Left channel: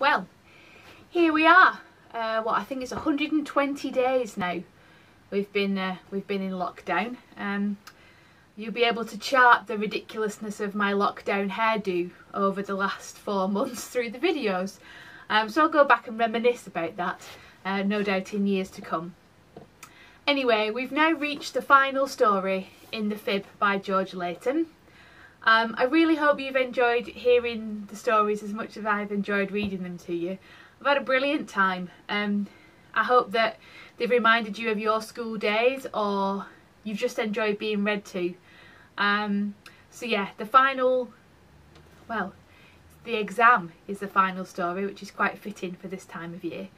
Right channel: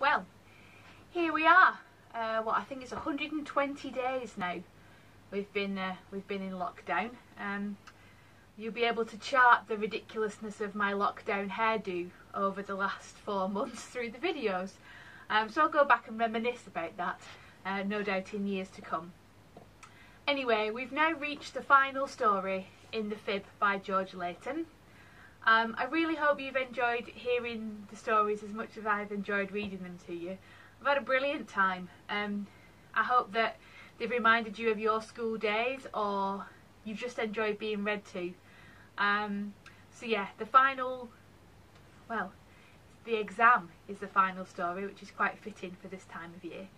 Well, here we are. What I think it's 120 days now. We've been in lockdown. You'll be able to chart the ridiculousness of my lockdown hairdo over the last 4 months through the videos. So I'll go back and reminisce about that, no doubt in years to come. Anyway, we've now reached the final story in the fib by George Layton. I really hope you've enjoyed hearing the stories as much as I've enjoyed reading them to you. I've had a brilliant time. I hope that they've reminded you of your school days, or you've just enjoyed being read to. So yeah, the exam is the final story, which is quite fitting for this time of year.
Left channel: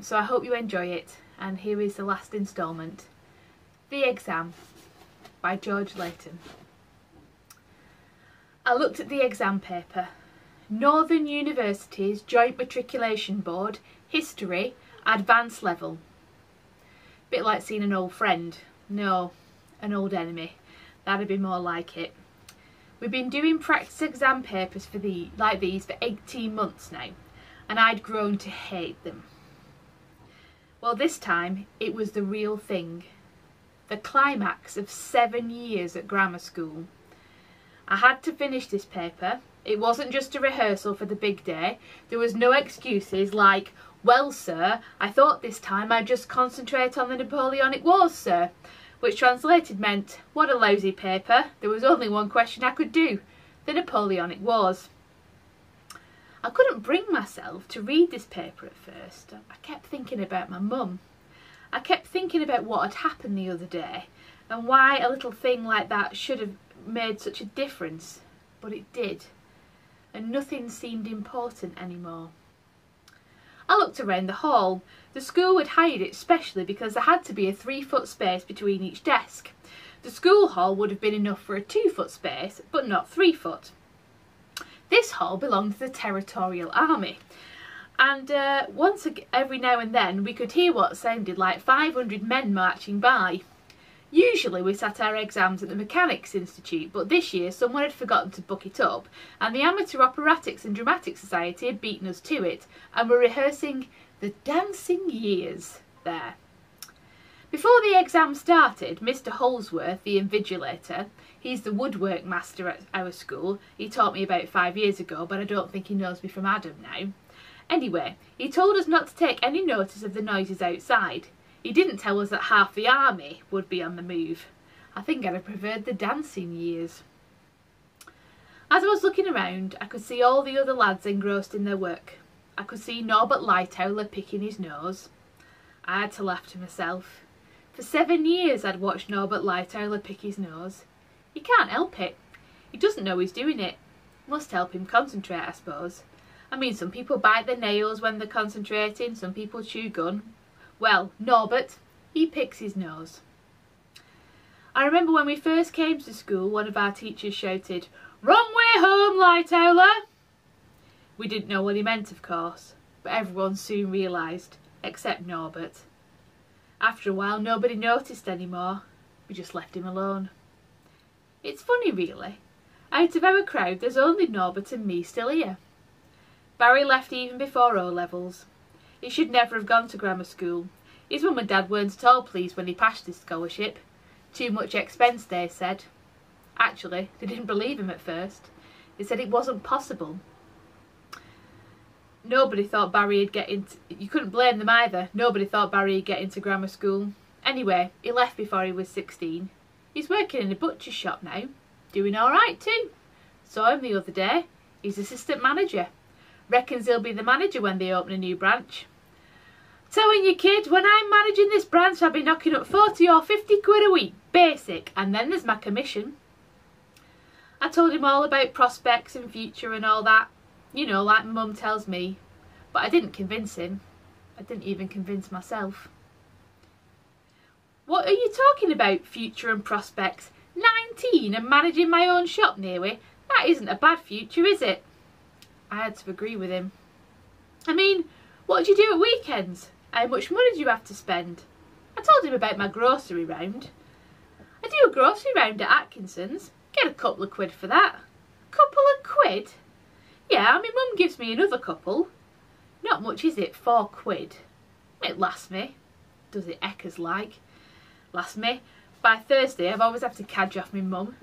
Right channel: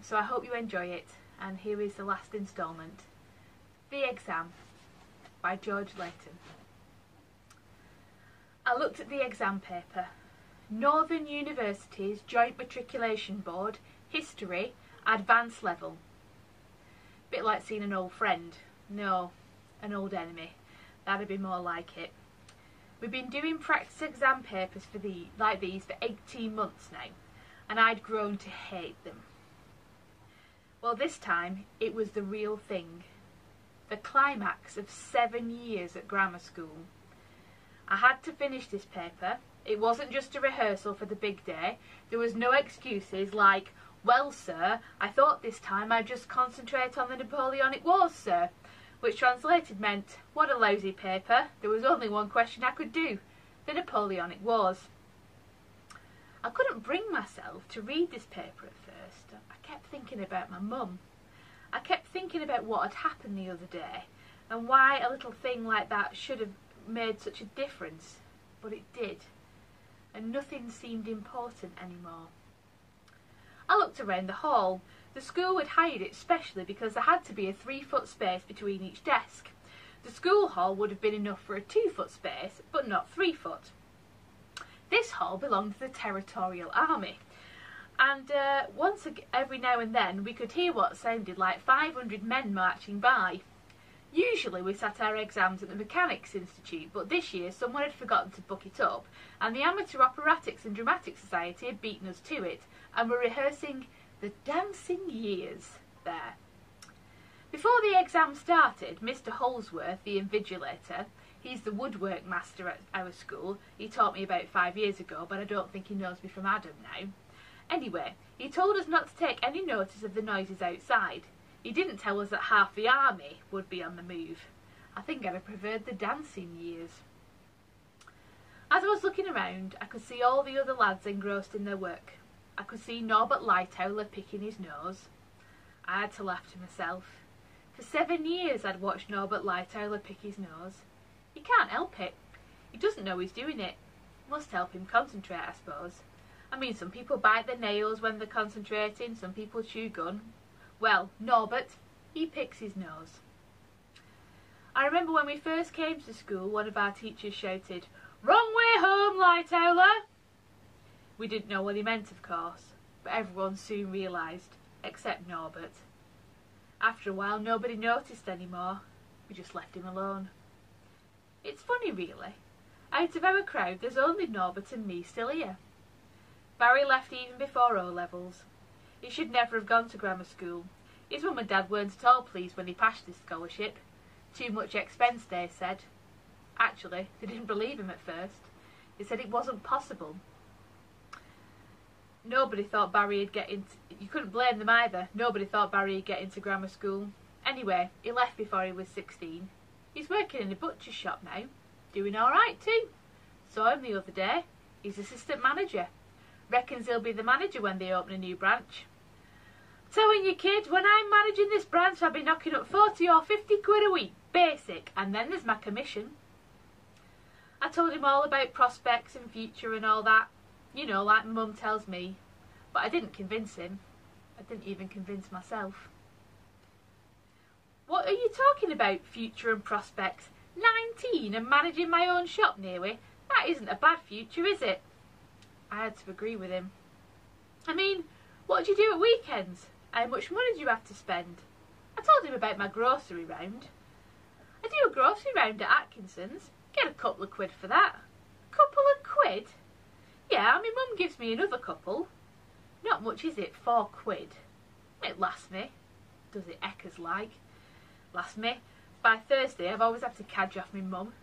So I hope you enjoy it, and here is the last instalment. The Exam by George Layton. I looked at the exam paper. Northern University's Joint Matriculation Board, History, Advanced Level. Bit like seeing an old friend. No, an old enemy. That'd be more like it. We've been doing practice exam papers like these for 18 months now, and I'd grown to hate them. Well, this time it was the real thing. The climax of 7 years at grammar school. I had to finish this paper. It wasn't just a rehearsal for the big day. There was no excuses like, well sir, I thought this time I'd just concentrate on the Napoleonic Wars, sir. Which translated meant, what a lousy paper. There was only one question I could do. The Napoleonic Wars. I couldn't bring myself to read this paper at first. I kept thinking about my mum. I kept thinking about what had happened the other day and why a little thing like that should have made such a difference. But it did. And nothing seemed important anymore. I looked around the hall. The school had hired it specially because there had to be a 3-foot space between each desk. The school hall would have been enough for a 2-foot space, but not 3 foot. This hall belonged to the Territorial Army, and every now and then we could hear what sounded like 500 men marching by. Usually we sat our exams at the Mechanics Institute, but this year someone had forgotten to book it up, and the Amateur Operatics and Dramatic Society had beaten us to it, and were rehearsing the dancing years there. Before the exam started, Mr. Holsworth, the invigilator, he's the woodwork master at our school. He taught me about 5 years ago, but I don't think he knows me from Adam now. Anyway, he told us not to take any notice of the noises outside. He didn't tell us that half the army would be on the move. I think I'd have preferred the dancing years. As I was looking around, I could see all the other lads engrossed in their work. I could see Norbert Lightoller picking his nose. I had to laugh to myself. For 7 years I'd watched Norbert Lightoller pick his nose. He can't help it. He doesn't know he's doing it. Must help him concentrate, I suppose. I mean, some people bite their nails when they're concentrating, some people chew gum. Well, Norbert, he picks his nose. I remember when we first came to school, one of our teachers shouted, "Wrong way home, Lightoller!" We didn't know what he meant, of course, but everyone soon realised, except Norbert. After a while, nobody noticed anymore. We just left him alone. It's funny, really. Out of our crowd, there's only Norbert and me still here. Barry left even before O-levels. He should never have gone to grammar school. His mum and dad weren't at all pleased when he passed his scholarship. Too much expense, they said. Actually, they didn't believe him at first. They said it wasn't possible. Nobody thought Barry'd get into... You couldn't blame them either. Nobody thought Barry'd get into grammar school. Anyway, he left before he was 16. He's working in a butcher's shop now. Doing all right too. Saw him the other day. He's assistant manager. Reckons he'll be the manager when they open a new branch. Telling you, kid, when I'm managing this branch, I'll be knocking up 40 or 50 quid a week, basic, and then there's my commission. I told him all about prospects and future and all that, you know, like my mum tells me, but I didn't convince him. I didn't even convince myself. What are you talking about, future and prospects? 19 and managing my own shop nearly? That isn't a bad future, is it? I had to agree with him. I mean, what do you do at weekends? How much money do you have to spend? I told him about my grocery round. I do a grocery round at Atkinson's. Get a couple of quid for that. Couple of quid? Yeah, my mum gives me another couple. Not much, is it? £4. It lasts me. Does it eckers like? Lasts me. By Thursday, I've always had to cadge off my mum.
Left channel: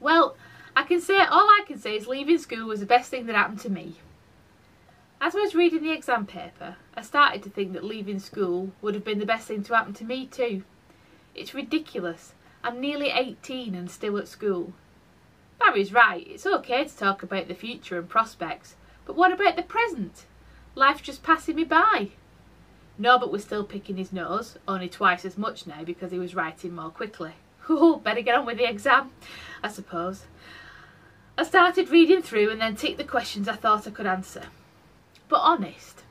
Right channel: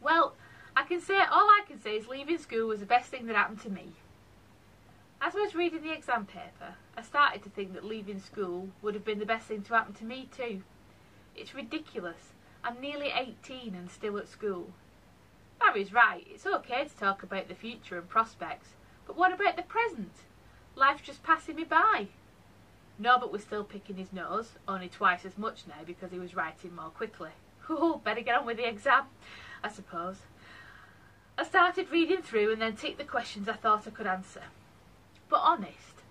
Well, all I can say is leaving school was the best thing that happened to me. As I was reading the exam paper, I started to think that leaving school would have been the best thing to happen to me too. It's ridiculous. I'm nearly 18 and still at school. Barry's right, it's okay to talk about the future and prospects, but what about the present? Life's just passing me by. Norbert was still picking his nose, only twice as much now because he was writing more quickly. Oh, better get on with the exam, I suppose. I started reading through and then ticked the questions I thought I could answer. But honest,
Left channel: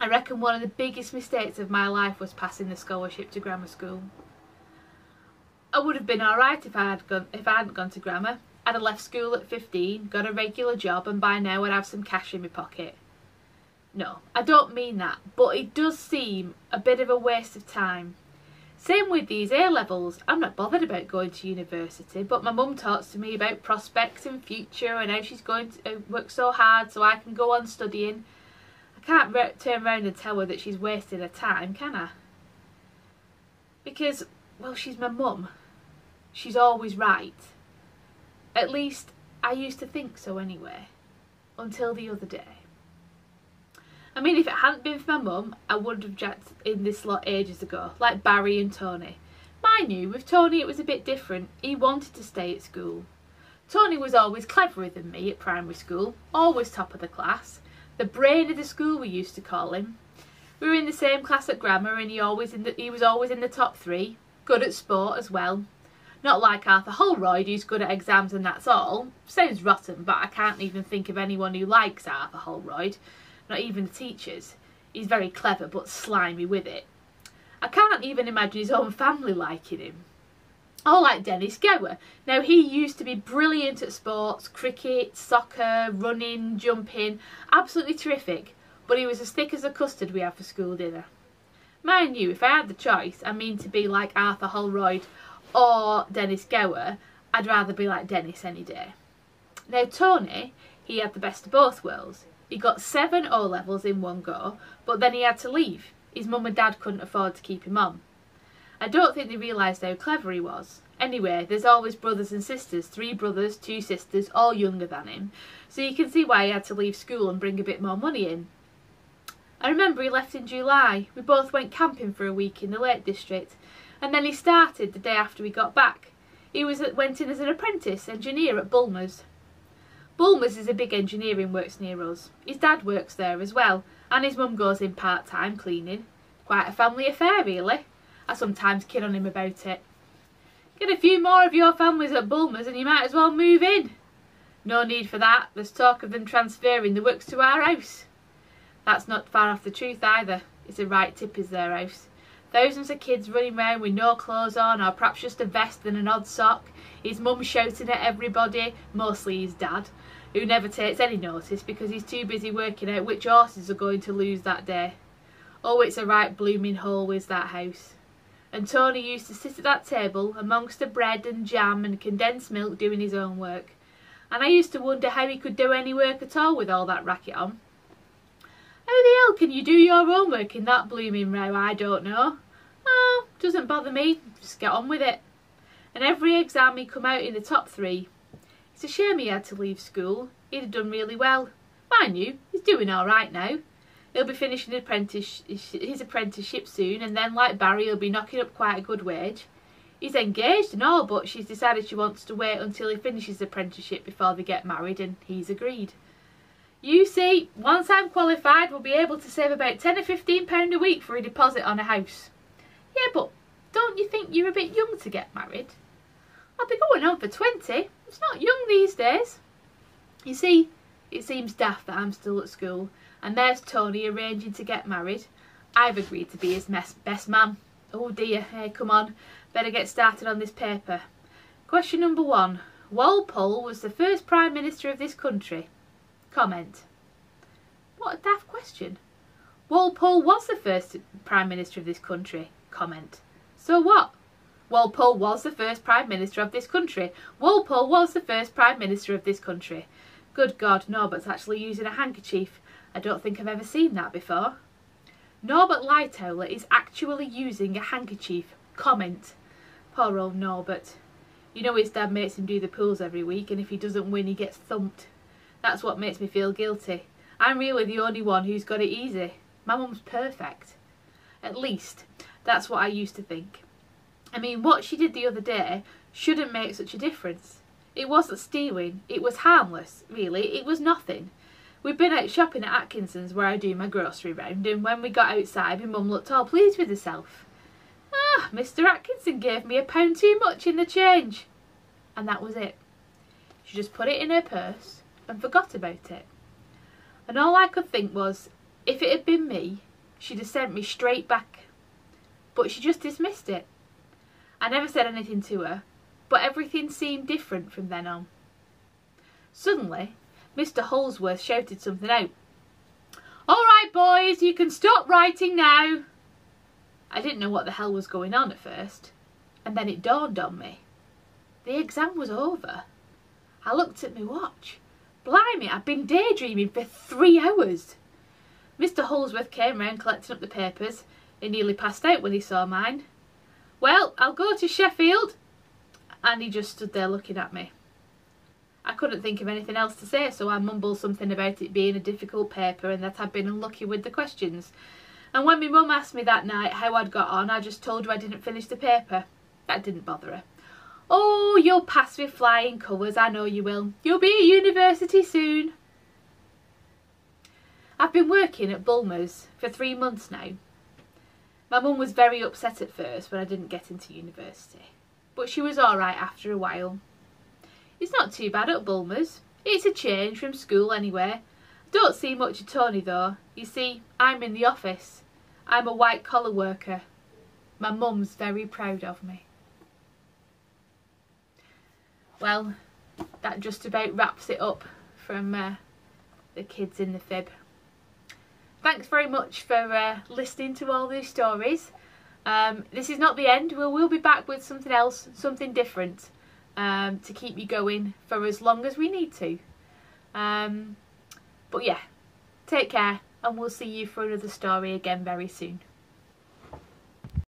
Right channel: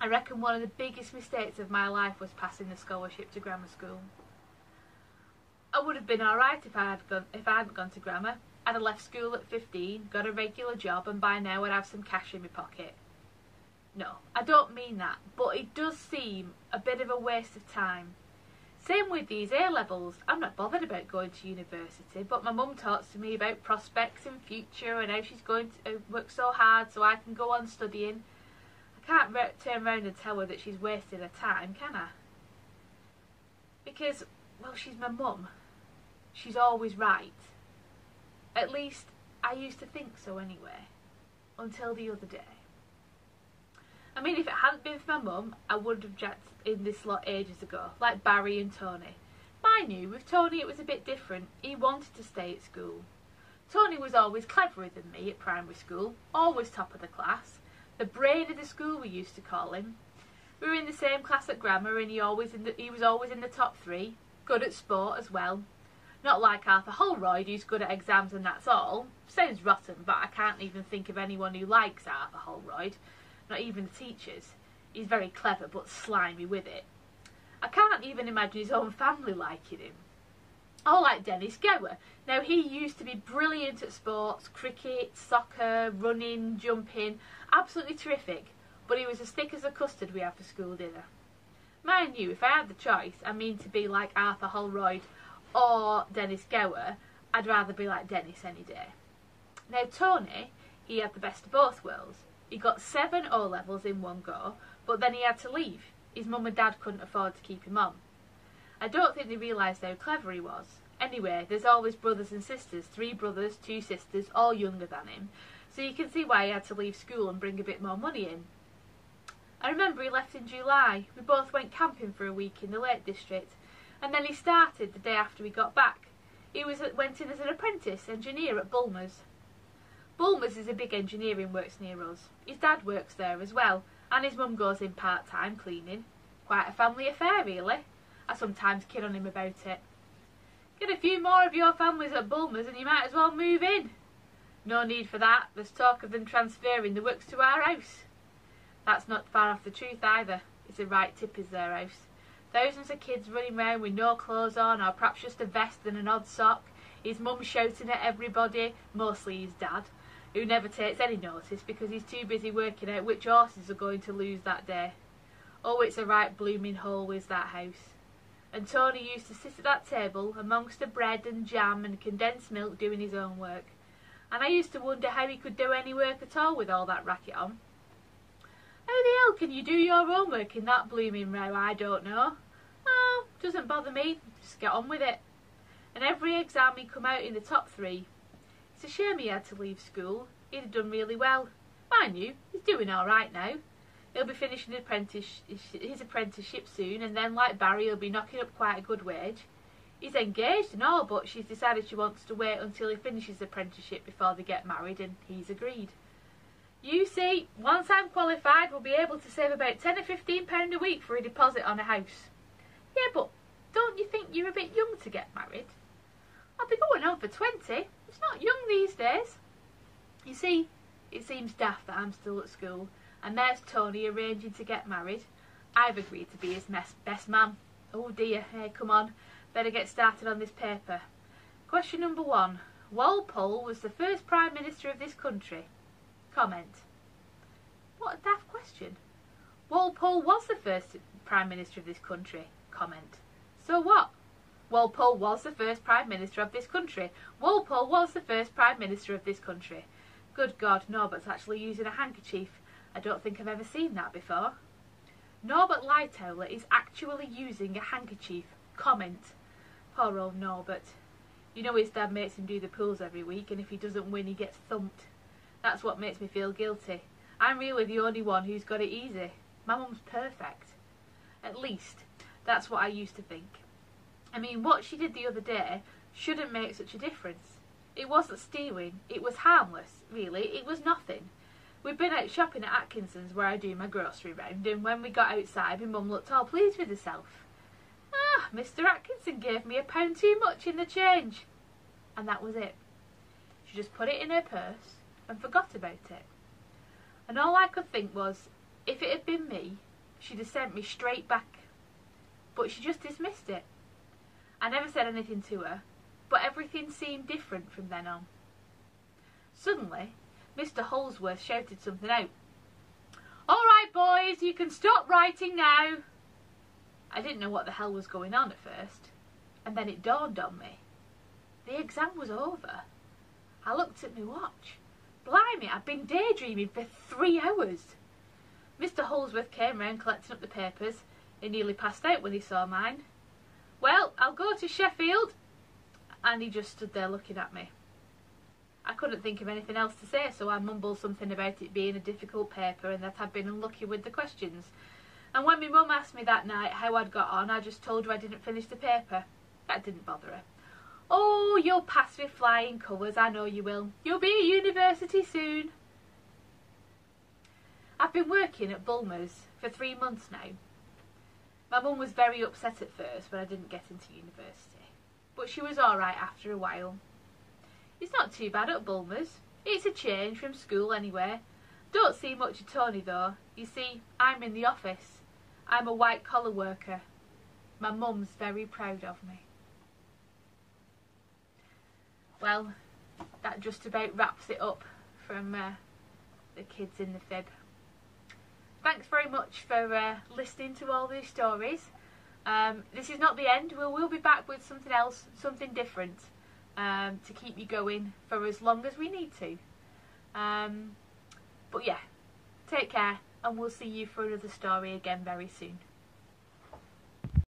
I reckon one of the biggest mistakes of my life was passing the scholarship to grammar school. I would have been alright if I hadn't gone to grammar. I'd have left school at 15, got a regular job, and by now I'd have some cash in my pocket. No, I don't mean that, but it does seem a bit of a waste of time. Same with these A-levels. I'm not bothered about going to university, but my mum talks to me about prospects and future and how she's going to work so hard so I can go on studying. I can't turn around and tell her that she's wasting her time, can I? Because, well, she's my mum. She's always right. At least, I used to think so anyway. Until the other day. I mean, if it hadn't been for my mum, I would have jacked in this lot ages ago, like Barry and Tony. Mind you, with Tony it was a bit different. He wanted to stay at school. Tony was always cleverer than me at primary school, always top of the class. The brain of the school, we used to call him. We were in the same class at grammar and he was always in the top 3. Good at sport as well. Not like Arthur Holroyd, who's good at exams and that's all. Sounds rotten, but I can't even think of anyone who likes Arthur Holroyd. Not even the teachers. He's very clever but slimy with it. I can't even imagine his own family liking him. Or like Dennis Gower. Now he used to be brilliant at sports, cricket, soccer, running, jumping. Absolutely terrific. But he was as thick as a custard we had for school dinner. Mind you, if I had the choice, I mean to be like Arthur Holroyd or Dennis Gower, I'd rather be like Dennis any day. Now Tony, he had the best of both worlds. He got 7 O-levels in one go, but then he had to leave. His mum and dad couldn't afford to keep him on. I don't think they realised how clever he was. Anyway, there's always brothers and sisters, 3 brothers, 2 sisters, all younger than him, so you can see why he had to leave school and bring a bit more money in. I remember he left in July. We both went camping for a week in the Lake District, and then he started the day after we got back. He went in as an apprentice engineer at Bulmer's. Bulmer's is a big engineering works near us. His dad works there as well, and his mum goes in part-time cleaning. Quite a family affair, really. I sometimes kid on him about it. Get a few more of your families at Bulmer's and you might as well move in. No need for that. There's talk of them transferring the works to our house. That's not far off the truth either. It's a right tip is their house. Thousands of kids running around with no clothes on, or perhaps just a vest and an odd sock. His mum shouting at everybody, mostly his dad, who never takes any notice because he's too busy working out which horses are going to lose that day. Oh, it's a right blooming hole is that house. And Tony used to sit at that table amongst the bread and jam and condensed milk doing his own work. And I used to wonder how he could do any work at all with all that racket on. How the hell can you do your homework in that blooming row? I don't know. Oh, doesn't bother me. Just get on with it. And every exam he come out in the top 3. It's a shame he had to leave school. He'd have done really well. Mind you, he's doing all right now. He'll be finishing his apprenticeship soon, and then, like Barry, he'll be knocking up quite a good wage. He's engaged and all, but she's decided she wants to wait until he finishes the apprenticeship before they get married, and he's agreed. You see, once I'm qualified, we'll be able to save about £10 or £15 a week for a deposit on a house. Yeah, but don't you think you're a bit young to get married? I'll be going on for 20. It's not young these days. You see, it seems daft that I'm still at school, and there's Tony arranging to get married. I've agreed to be his best man. Oh dear, hey, come on. Better get started on this paper. Question number 1. Walpole was the first Prime Minister of this country. Comment. What a daft question. Walpole was the first Prime Minister of this country. Comment. So what? Walpole was the first Prime Minister of this country. Walpole was the first Prime Minister of this country. Good God, Norbert's actually using a handkerchief. I don't think I've ever seen that before. Norbert Lightoller is actually using a handkerchief. Comment. Poor old Norbert. You know his dad makes him do the pools every week, and if he doesn't win he gets thumped. That's what makes me feel guilty. I'm really the only one who's got it easy. My mum's perfect. At least, that's what I used to think. I mean, what she did the other day shouldn't make such a difference. It wasn't stealing. It was harmless, really. It was nothing. We'd been out shopping at Atkinson's where I do my grocery round, and when we got outside my mum looked all pleased with herself. Ah, Mr. Atkinson gave me £1 too much in the change. And that was it. She just put it in her purse and forgot about it. And all I could think was, if it had been me, she'd have sent me straight back. But she just dismissed it. I never said anything to her, but everything seemed different from then on. Suddenly, Mr. Holsworth shouted something out. "All right, boys, you can stop writing now." I didn't know what the hell was going on at first, and then it dawned on me. The exam was over. I looked at my watch. Blimey, I'd been daydreaming for 3 hours. Mr. Holsworth came round collecting up the papers. He nearly passed out when he saw mine. "Well, I'll go to Sheffield." And he just stood there looking at me. I couldn't think of anything else to say, so I mumbled something about it being a difficult paper and that I'd been unlucky with the questions. And when my mum asked me that night how I'd got on, I just told her I didn't finish the paper. That didn't bother her. "Oh, you'll pass with flying colours, I know you will. You'll be at university soon." I've been working at Bulmer's for 3 months now. My mum was very upset at first when I didn't get into university, but she was alright after a while. It's not too bad at Bulmer's. It's a change from school anyway. I don't see much of Tony though. You see, I'm in the office. I'm a white collar worker. My mum's very proud of me. Well, that just about wraps it up from the kids in the fib. Thanks very much for listening to all these stories. This is not the end. We'll be back with something else, something different, to keep you going for as long as we need to. But yeah, take care, and we'll see you for another story again very soon.